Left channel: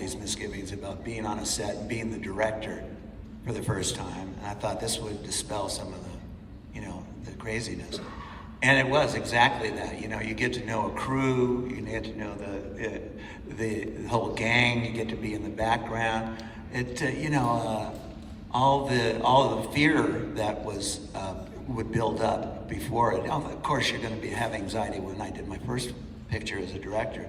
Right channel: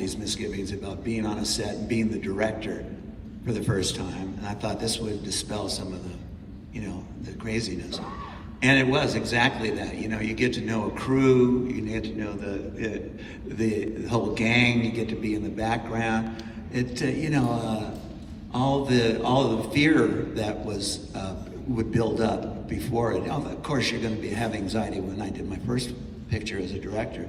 these misgivings about being on a set and being the director for the first time. And I thought this would dispel some of the, the craziness. And it was exactly that. You get to know a crew, you get to know the whole gang, you get to be in the background. All the fear that would build up before it. Of course, you're going to have anxiety when I did my first picture as a director,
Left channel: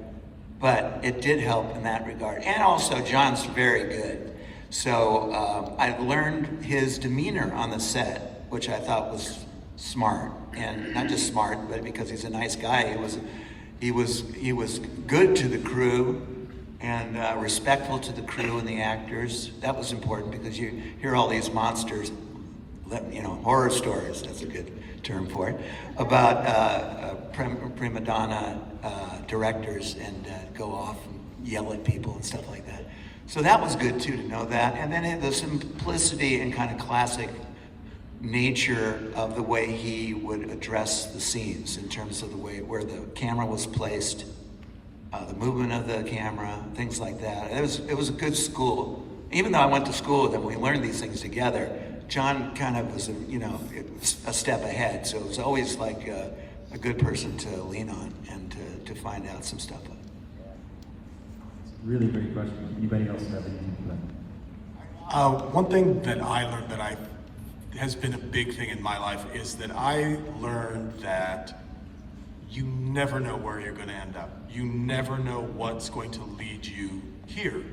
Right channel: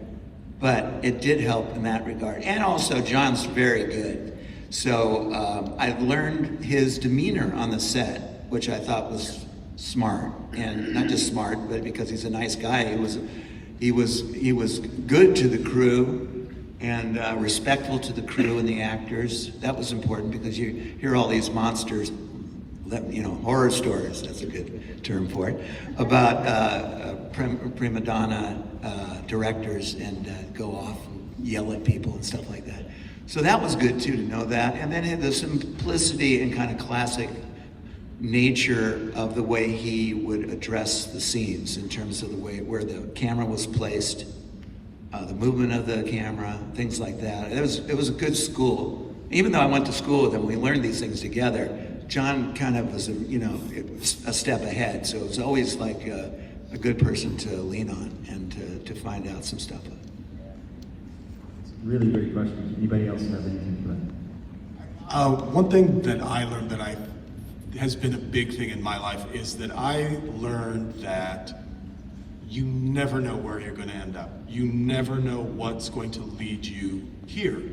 but it did help in that regard. And also, John's very good. So I've learned his demeanor on the set, which I thought was smart, and not just smart, but because he's a nice guy. He was good to the crew and respectful to the crew and the actors. That was important because you hear all these monsters, horror stories, that's a good term for it, about prima donna directors and go off and yell at people and stuff like that. So that was good too, to know that. And then the simplicity and kind of classic nature of the way he would address the scenes in terms of the way where the camera was placed, the movement of the camera, things like that. It was a good school. Even though I went to school with him, we learned these things together. John kind of was, a step ahead. So it was always like a good person to lean on and to find out some stuff. Really great question. Anybody else have anything to play? One thing that I learned has been a big thing in my life is that I learned that you never know where you're going to end up. You never know what's going to lead you here.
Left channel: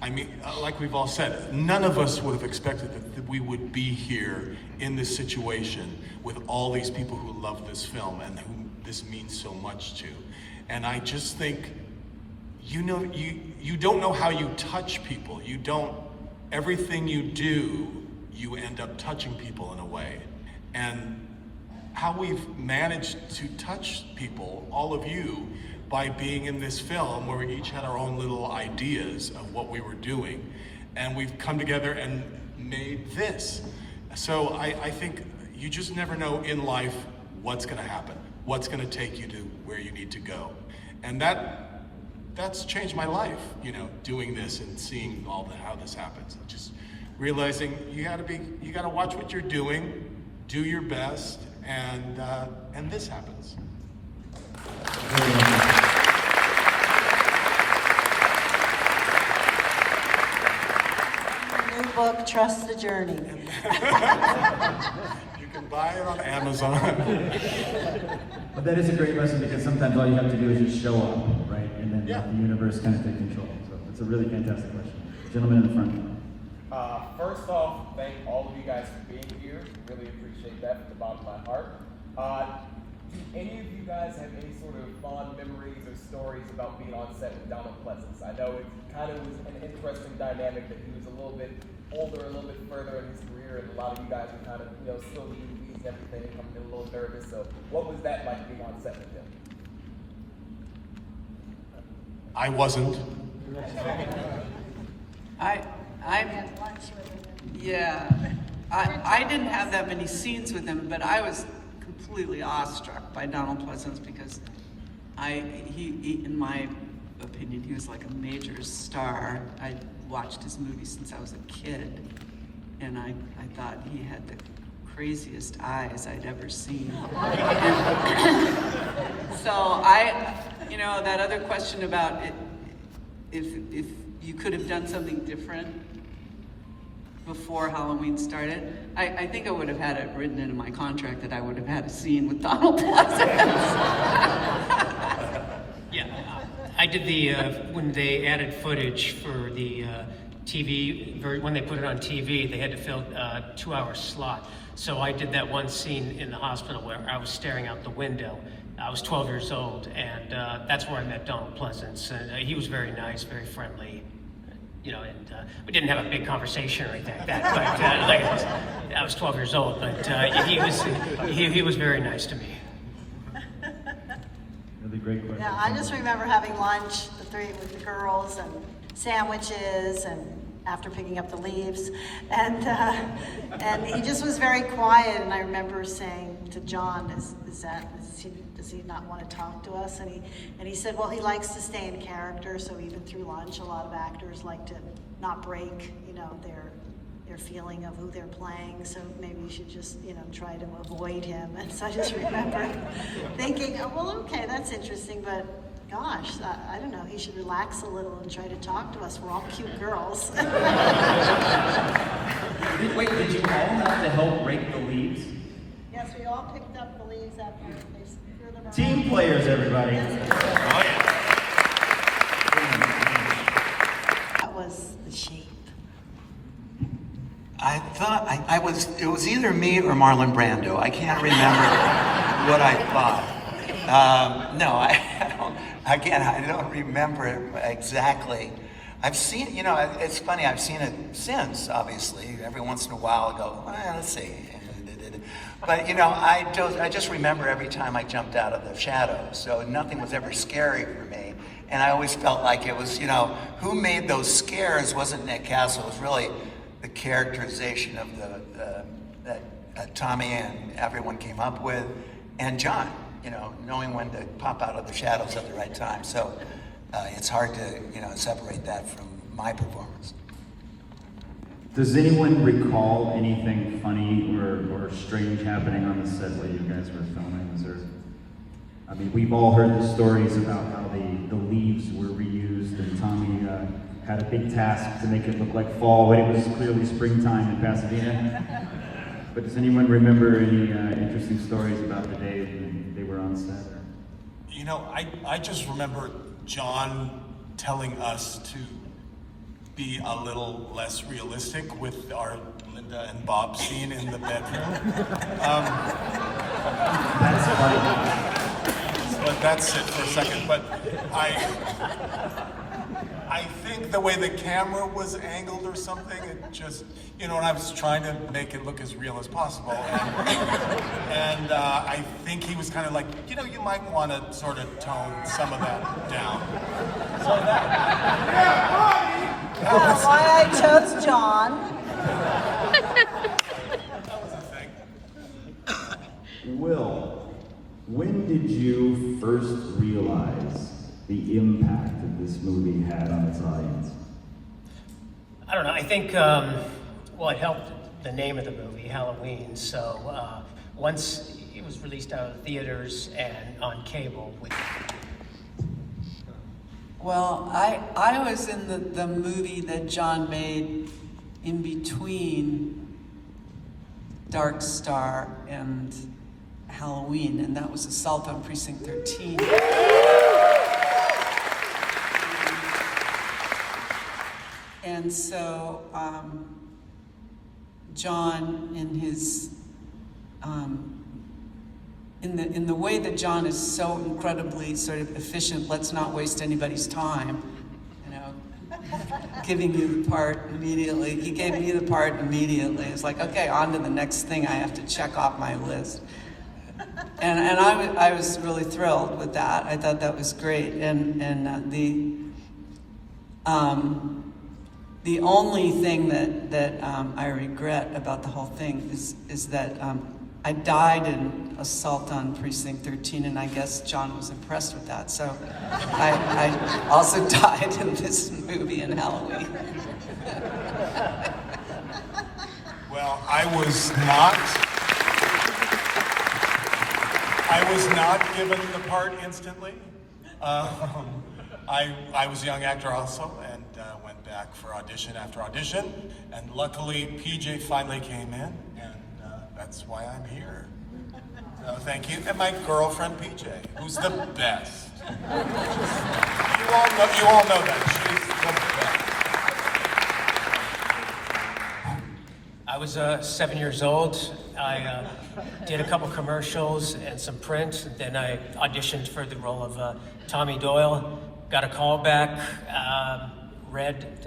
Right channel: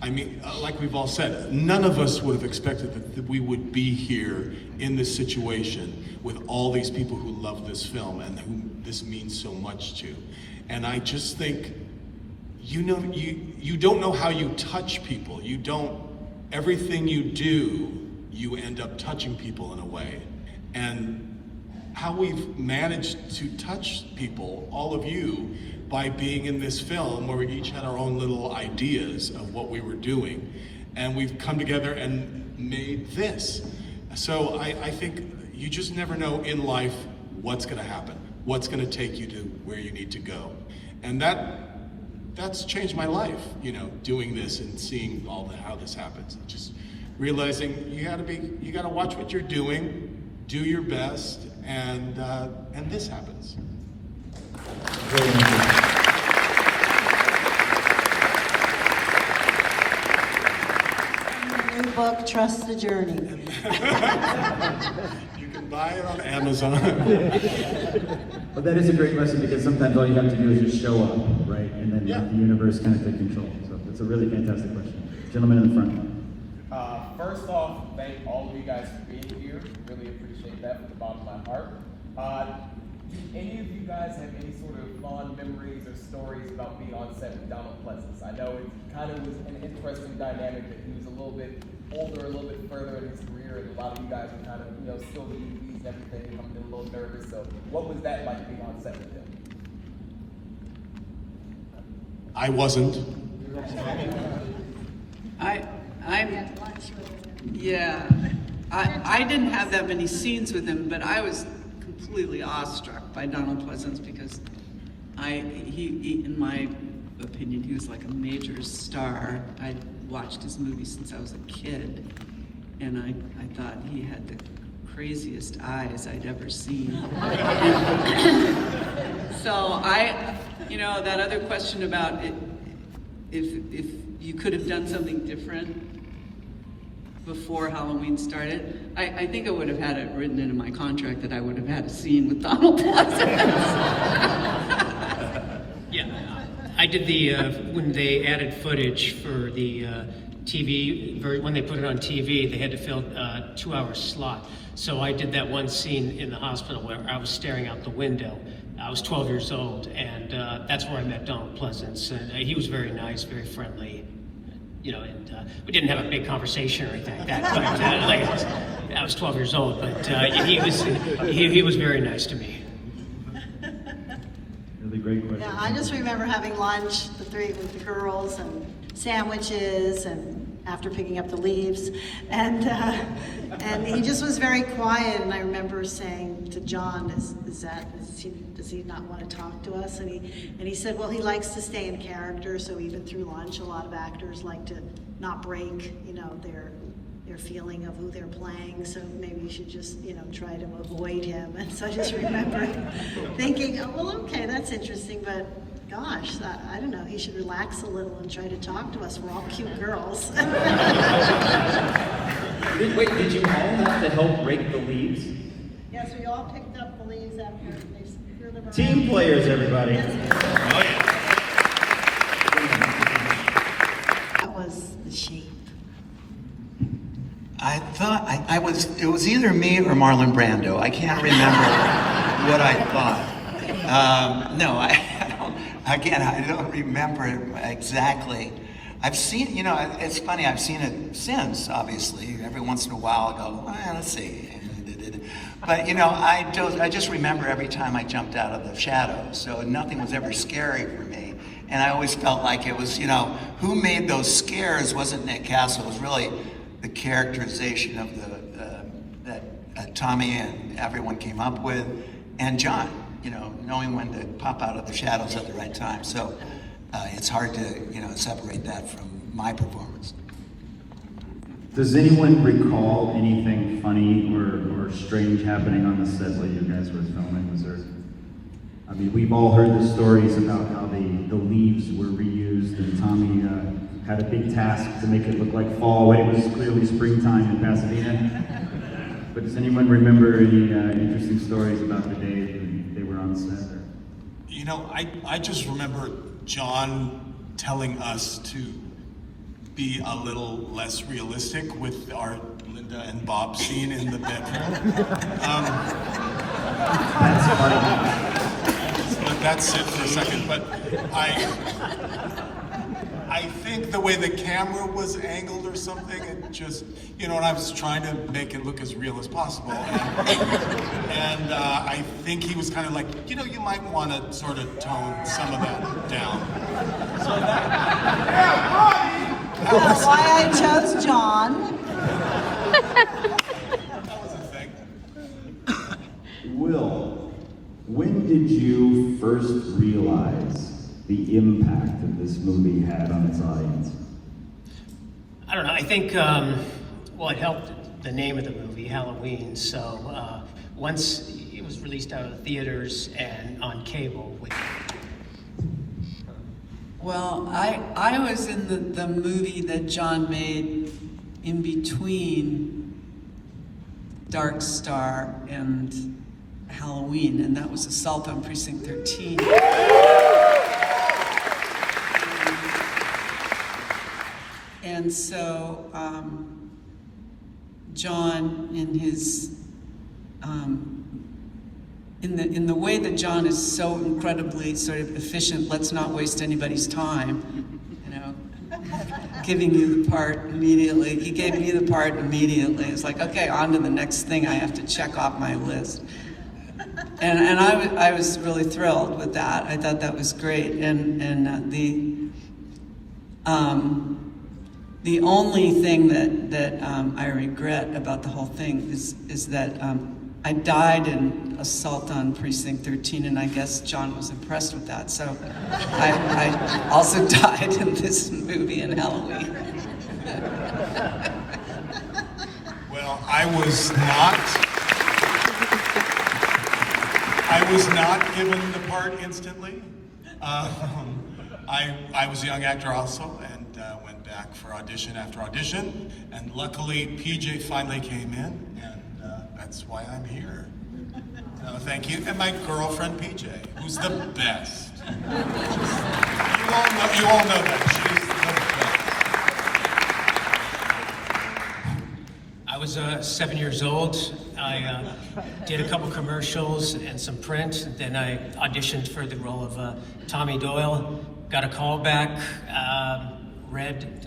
I mean, like we've all said, none of us would have expected that we would be here in this situation with all these people who love this film and who this means so much to. And I just think, you don't know how you touch people. Everything you do, you end up touching people in a way. And how we've managed to touch people, all of you, by being in this film where we each had our own little ideas of what we were doing. And we've come together and made this. So I think you just never know in life what's gonna happen, what's gonna take you to where you need to go. And that's changed my life, doing this and seeing how this happens. Just realizing you gotta watch what you're doing, do your best, and this happens. New book, Trust the Journey. You can buy it on Amazon. But that is a great question because sometimes all you have to do is just show up, right? And then the universe kind of takes control. So it's a really fantastic question. Gentleman in the front now. First off, thank all of you guys for being here. Really appreciate that from the bottom of my heart. Do any of you guys have any sort of fond memories or stories about being on set with Donald Pleasence? I know it kind of was an interesting dynamic that he was a little bit older, a little bit further in his career, and a lot of you guys were kind of, still in movies and everything, I'm a little nervous. So what was that like being on set with him? I wasn't. I didn't have that many scenes with him, but I was completely awestruck by Donald Pleasence because he, in my opinion, he was like a major star. I watched his movies since I was a kid, and I thought he had the craziest eyes I'd ever seen. So that other question about it, if you could have done something different before Halloween started, I think I would have had it written into my contract that I would have had a scene with Donald Pleasence. Yeah, I did when they added footage for the TV, when they put it on TV, they had to fill a 2-hour slot. So I did that one scene in the hospital where I was staring out the window. I was 12 years old, and that's where I met Donald Pleasence. And he was very nice, very friendly. And we didn't have a big conversation or anything like that. But I was 12 years old, but he was very nice to me. Really great question. Yeah, I just remember having lunch, the three with the girls, and sandwiches, and after picking up the leaves, and he just was very quiet. And I remember saying to John, does he not want to talk to us? And he said, well, he likes to stay in character. So even through lunch, a lot of actors like to not break, their feeling of who they're playing. So maybe you should just, try to avoid him. And so I just remember thinking, oh, well, okay, that's interesting, but gosh, I don't know, he should relax a little and try to talk to us. We're all cute girls. Wait, did you call him to help rake the leaves? Yes, we all picked up the leaves after they threw them around. Team players, everybody. That was the sheep. I thought it was either me or Marlon Brando. I can't remember what I thought. No, I don't remember exactly. I've seen, it's funny, I've seen it since, obviously. Every once in a while I go, well, let's see. But, I just remember every time I jumped out of the shadows, so nothing was ever scary for me. And I always felt like it was, who made those scares wasn't Nick Castle. It was really the characterization of that Tommy and everyone came up with, and John, knowing when to pop out of the shadows at the right time. So it's hard to, separate that from my performance. Does anyone recall anything funny or strange happening on the set while you guys were filming? We've all heard the stories about how the leaves were reused, and Tommy had a big task to make it look like fall when it was clearly springtime in Pasadena. But does anyone remember any interesting stories about the day they were on set? I just remember John telling us to be a little less realistic with our Linda and Bob scene in the bedroom. That's funny. But that's it for a second. But I think the way the camera was angled or something, it just, and I was trying to make it look as real as possible. And I think he was kind of like, you might want to sort of tone some of that down. So That's why I chose John. that was a thing. Will, when did you first realize the impact that this movie had on its audience? I don't know. I think, it helped the name of the movie, Halloween. So once it was released out of the theaters and on cable. Well, I was in the movie that John made in between Dark Star and Halloween, and that was Assault on Precinct 13. And so John, in his in the way that John is so incredibly sort of efficient, let's not waste anybody's time, giving you the part immediately. He gave me the part immediately. It's like, okay, on to the next thing I have to check off my list. And I was really thrilled with that. I thought that was great. And the only thing that I regret about the whole thing is that I died in Assault on Precinct 13, and I guess John was impressed with that. So I also died in this movie in Halloween. Well, I was not given the part instantly. I was a young actor also, and went back for audition after audition, and luckily PJ finally came in, and that's why I'm here. So thank you, and my girlfriend PJ, who's the best. You all know that she's the best. I was 7 years old. I did a couple commercials and some print. And then I auditioned for the role of Tommy Doyle. Got a call back, read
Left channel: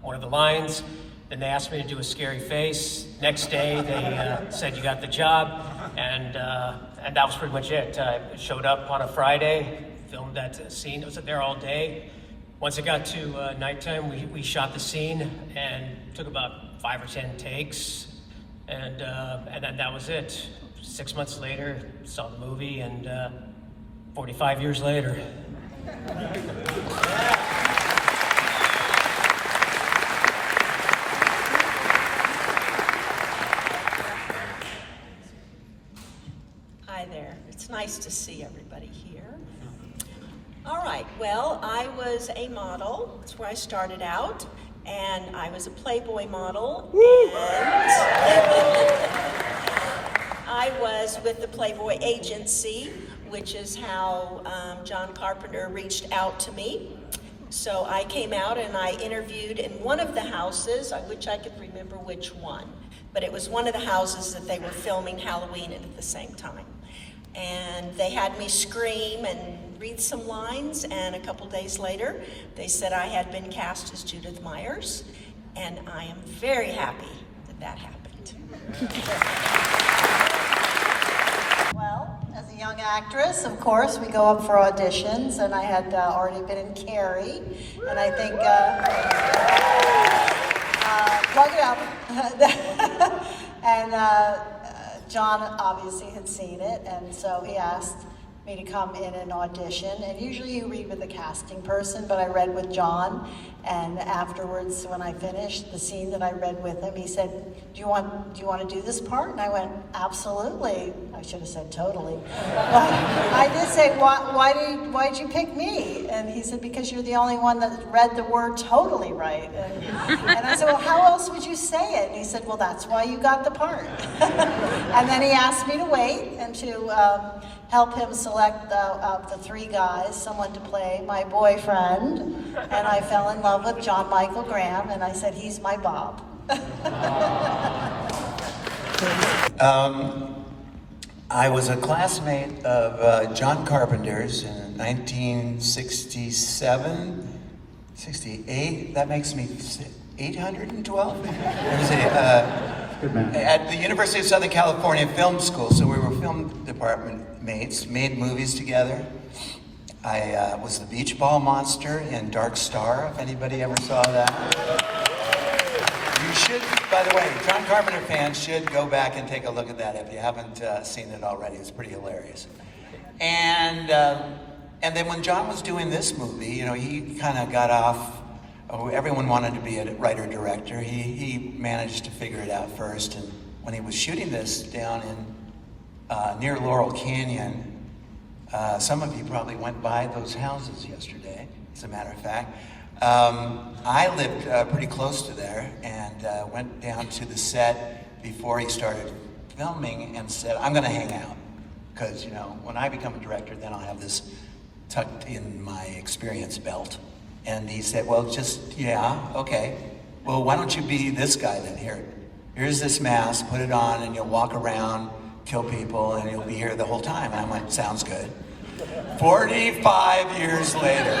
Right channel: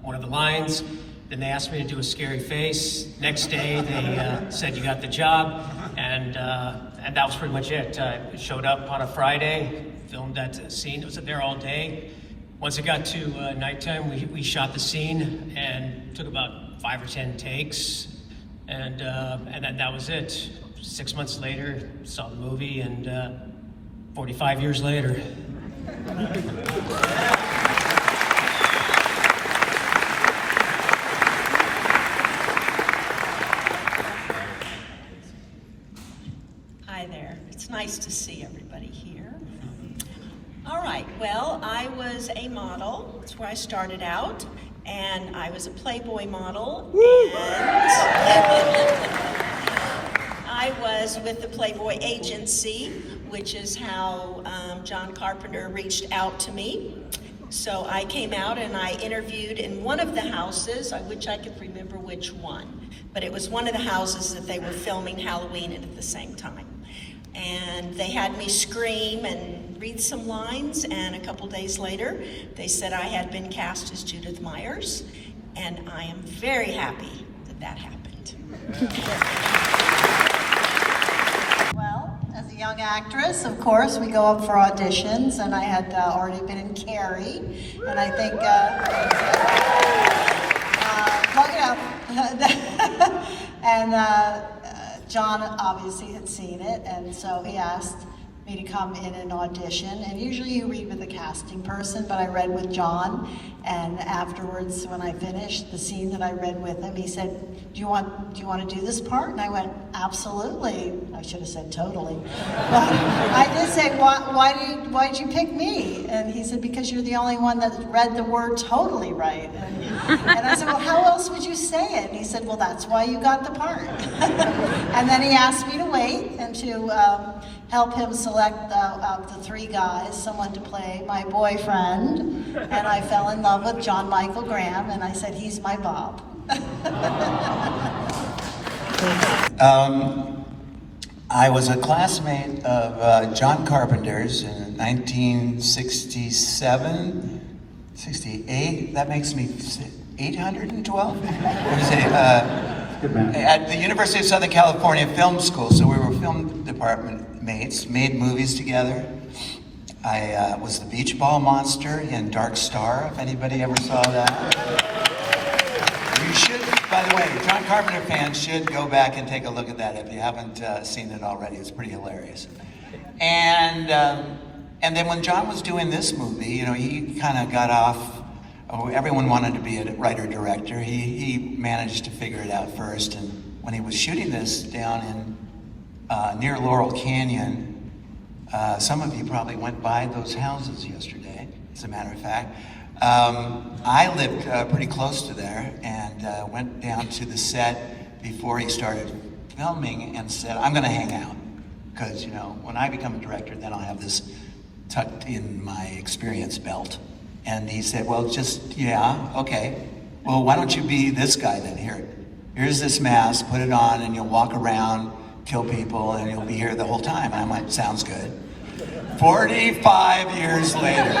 one of the lines. Then they asked me to do a scary face. Next day, they said you got the job, and that was pretty much it. Showed up on a Friday, filmed that scene. I was there all day, once it got to nighttime, we shot the scene and took about 5 or 10 takes, and then that was it. 6 months later, saw the movie, and 45 years later. Hi there. It's nice to see everybody here. All right, well, I was a model. That's where I started out. And I was a Playboy model. And I was with the Playboy agency, which is how John Carpenter reached out to me. So I came out and I interviewed in one of the houses. I wish I could remember which one. But it was one of the houses that they were filming Halloween in at the same time. And they had me scream and read some lines, and a couple days later, they said I had been cast as Judith Myers, and I am very happy that that happened. Well, as a young actress, of course, we go up for auditions, and I had already been in Carrie, and I think, plug it up. And John obviously had seen it, and so he asked me to come in and audition. And usually you read with a casting person, but I read with John. And afterwards, when I finished the scene that I read with him, he said, do you want to do this part? And I went, absolutely. I should have said totally. But I did say, why did you pick me? And he said, because you're the only one that read the word totally right. And I said, well, how else would you say it? And he said, well, that's why you got the part. And then he asked me to wait and to help him select of the 3 guys, someone to play my boyfriend. And I fell in love with John Michael Graham, and I said, he's my Bob. I was a classmate of John Carpenter's in 1967, 68. That makes me 812? What is it? At the University of Southern California Film School, so we were film department mates, made movies together. I was the beach ball monster in Dark Star, if anybody ever saw that. You should, by the way, John Carpenter fans should go back and take a look at that if you haven't seen it already. It's pretty hilarious. And then when John was doing this movie, you know, he kind of got off. Oh, everyone wanted to be a writer-director. He managed to figure it out first. And when he was shooting this down in near Laurel Canyon, some of you probably went by those houses yesterday, as a matter of fact. I lived pretty close to there and went down to the set before he started filming and said, I'm gonna hang out. Because, you know, when I become a director, then I'll have this tucked in my experience belt. And he said, well, yeah, okay. Well, why don't you be this guy then? Here's this mask, put it on, and you'll walk around, kill people, and you'll be here the whole time. And I went, sounds good. 45 years later.